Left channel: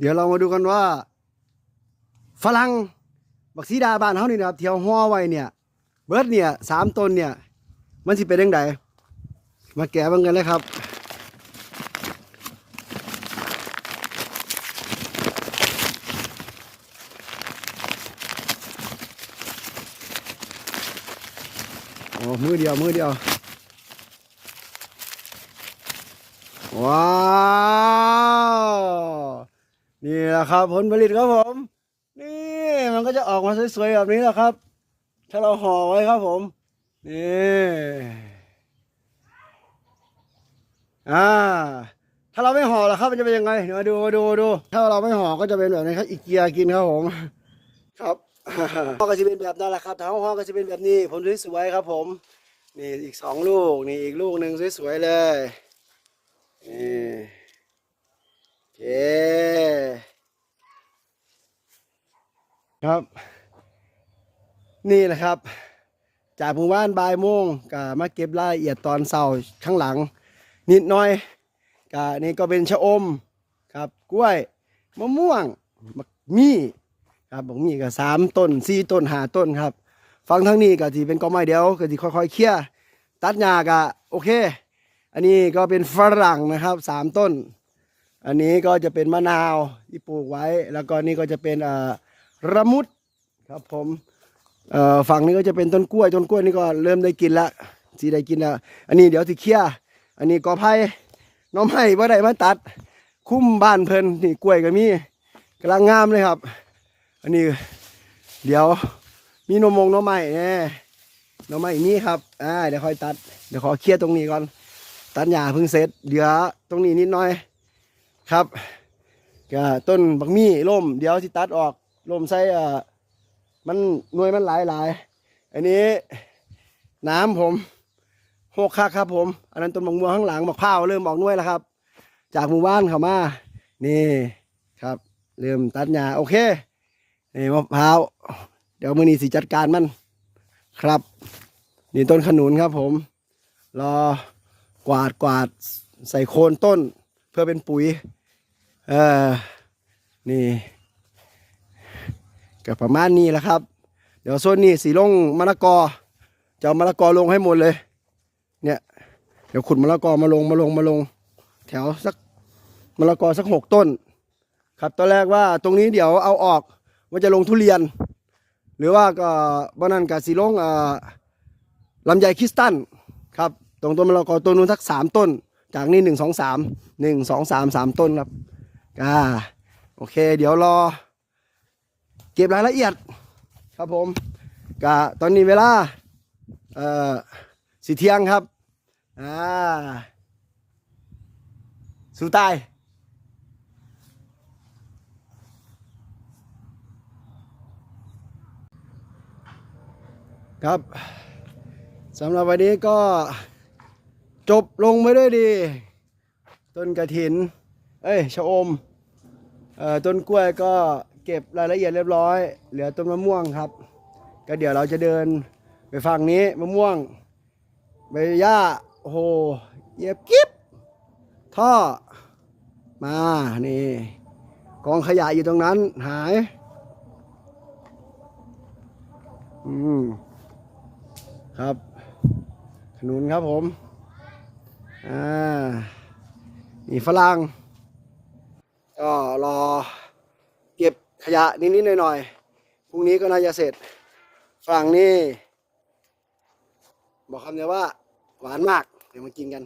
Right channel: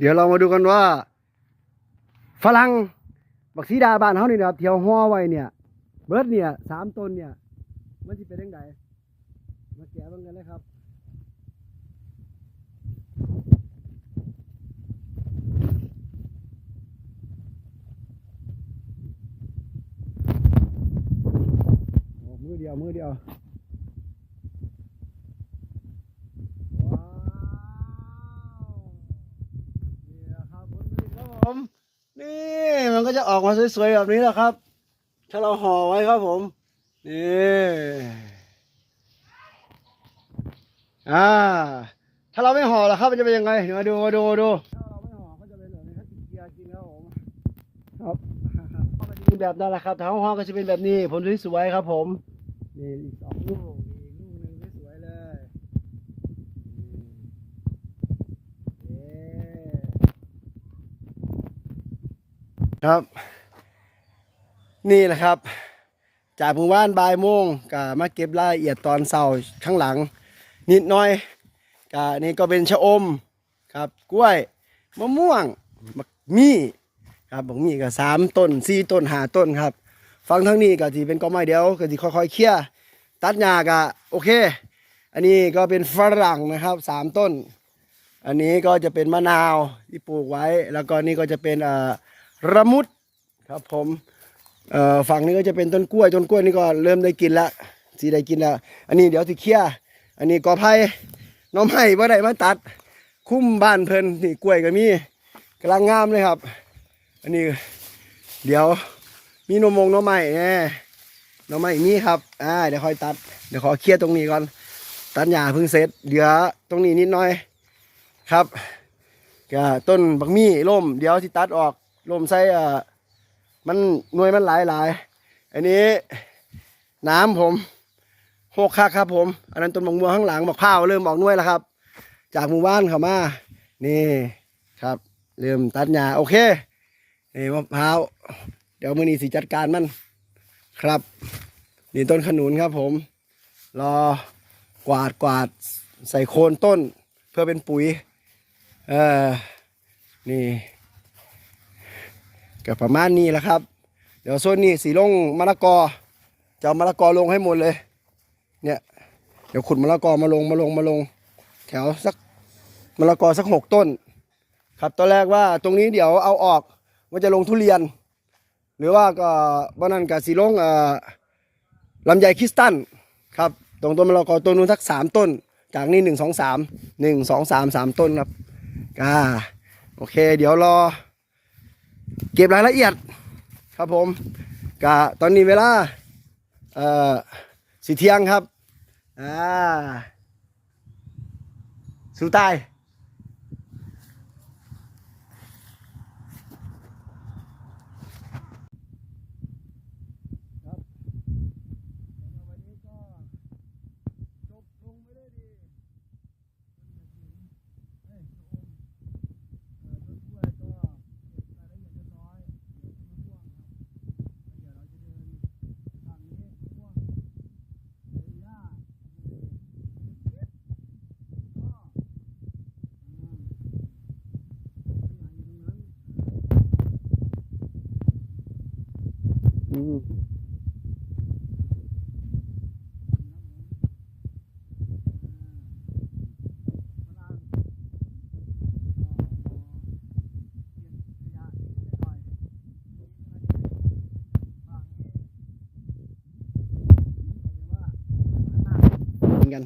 เดี๋ยวเรามาดูกันว่า ฝรั่งบักซีดาบ้านเฮานี่นะครับเที่ยวห่อไว้เนี่ย เบิร์ดเนี่ยสามต้นเนี่ย มันสิเป็นยังไงมาแกะเบังกันเลยครับโอ้มือเดียวมือเดียวาว นี่แห ละครับ ผลผลิตครับผม นี่มันก็จะออกมาสวยๆแบบนี้แหละครับ ถ้าเราห่อไว้ครับผม นี่อ่าถ้าเราไม่ห่อล่ะครับมันจะเป็นยังไงเดี๋ยวมาดูมาดูมาดู ถ้าเราไม่ห่อก็จะเป็นแบบนี้ครับอีเกียกินครับผมครับห่อก็จะเป็นแบบนั้นแหละครับถ้าห่อก็จะเป็นแบบนี้ผลสวยๆครับ ผม นี่อีกสองลูกนี่อีกลูกหนึ่งสวยๆเลยนี่โอเค ครับ นี่แหละครับ จากหมู่บ้านบายโมงก็มาเก็บรายละเอียดตอนเสาร์ข้างหลัง นิดหน่อยก็นี่ก็เป็นชะอมครับ กล้วยมะม่วงมักมี่ครับบักมี่ก็สามต้นสี่ต้นห้าต้นครับฟังทั้งนี้ก็ที่เป็นกอไม้เดียวก็ที่ค่อยๆเคลี่ยตัดหญ้าก็โอเค อันนี้ก็เป็นฝรั่งนะครับสามต้น อันนี้ก็จะเป็นมะนาวที่ปลูกไว้ แล้วก็นี่ก็จะเป็นเอ่อ ระมุดครับผมฝั่งนี้ก็จะเป็นต้นกล้วยต้นกล้วยนี่ก็เริ่มได้กินละสีได้กินแล้วอันนี้เดี๋ยวที่เคลียอันนี้กอไผ่น้องไม้ว่าได้มาตัด คุ้มบ้านเพลินนี่กล้วยก็มีกำลังงามเลยครับ อันนี้ เดี๋ยวมีนมงน้องไม้แน่น้องไม้มีครับอ่าเดี๋ยวค่อยตัดเดี๋ยวขอเคลียร์ตรงนี้ก่อนตัดหญ้าเพิ่งเสร็จเหลือตรงนี้นิดหน่อยครับก็ต้นบักมี่ล่ม เดี๋ยวที่ตัดออก ลมใส่เอ่อมันหน่วยมันหลายหลายอันนี้น้ำผมหกคักครับผม อันนั้นต้นมะม่วงข้างหลังมะพร้าวเริ่มออกหน่วยแล้วครับ จากหมู่บ้านเขามานี่ครับ เริ่มตัดหญ้าโอเคนี่มะพร้าวเดี๋ยวมือนี้สิจัดการมันครับ นี่ต้นขนุนครับผม รอกวาดกวาดใส่โคนต้นเพื่อเป็นปุ๋ย เออนี่ ก็ประมาณนี้แหละครับ เดี๋ยวโซนนี้สีลงมะละกอจะเอามะละกอลงให้หมดเลย เนี่ยเดี๋ยวขุดมะละกอมาลงมาลงมาลง แถวสักมะละกอสักหกต้น ครับตอนแรกว่าตรงนี้เดี๋ยวเอาออกว่าจะลงทุเรียน หรือว่าก็บ้านั้นกับสีลงอ่อลำไยคริสตันครับตรงต้นมะละกอต้นนู้นสักสามต้น จากนี่หนึ่งสองสามหนึ่งสองสามสามต้นครับอ่าโอเค เดี๋ยวรอ เก็บรายละเอียดครับผมกะตอนนี้เวลาเอ่อสีเที่ยงครับอ่าสู้ตายครับสำหรับวันนี้ก็จบลงไปด้วยดี ต้นกระถิน เอ้ยชะอมเอ่อต้นกล้วยก็ เก็บรายละเอียดเรียบร้อย เหลือต้นมะม่วงครับ ก็เดี๋ยวเราจะเดินไปฝั่งนี้มะม่วงใบหญ้าโอ้โหเหยียบกิ๊บท่อมานี่กองขยะอยู่ตรงนั้นหายอืมครับขนุนครับผมอ่านี่ฝรั่งก็รอเก็บ ขยะนิดๆหน่อยๆพรุ่งนี้ก็น่าจะเสร็จฝรั่งนี่บอกคำเดียวว่าหวานมาก เดี๋ยวมากินกัน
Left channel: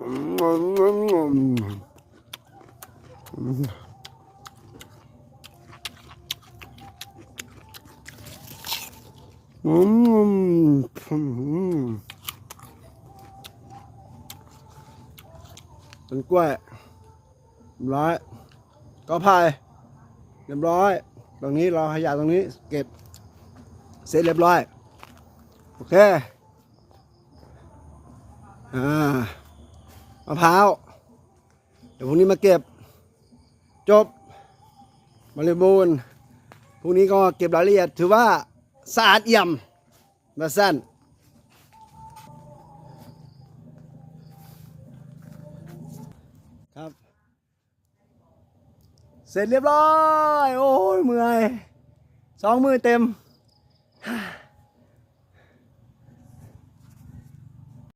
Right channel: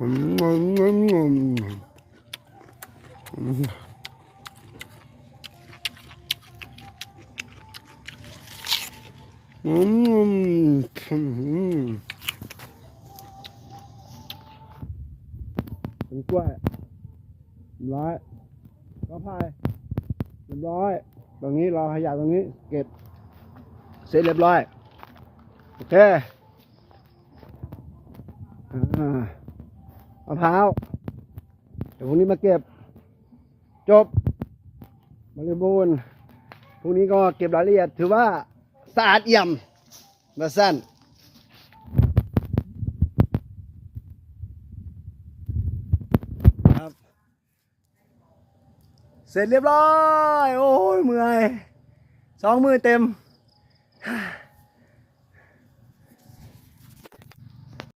อืมอืมมอืมอืมอืมอืมต้นกล้วย รียบร้อย ก็พายเรียบร้อย ตรงนี้เรอขยะตรงนี้ เก็บ เสร็จเรียบร้อย โอเค อ่ามะพร้าว เดี๋ยวพรุ่งนี้มาเก็บ จบบริบูรณ์พรุ่งนี้ก็เก็บรายละเอียด ถือว่าสะอาดเอี่ยมมาสั้น เสร็จเรียบร้อย โอ้ยเมื่อยสองมือเต็ม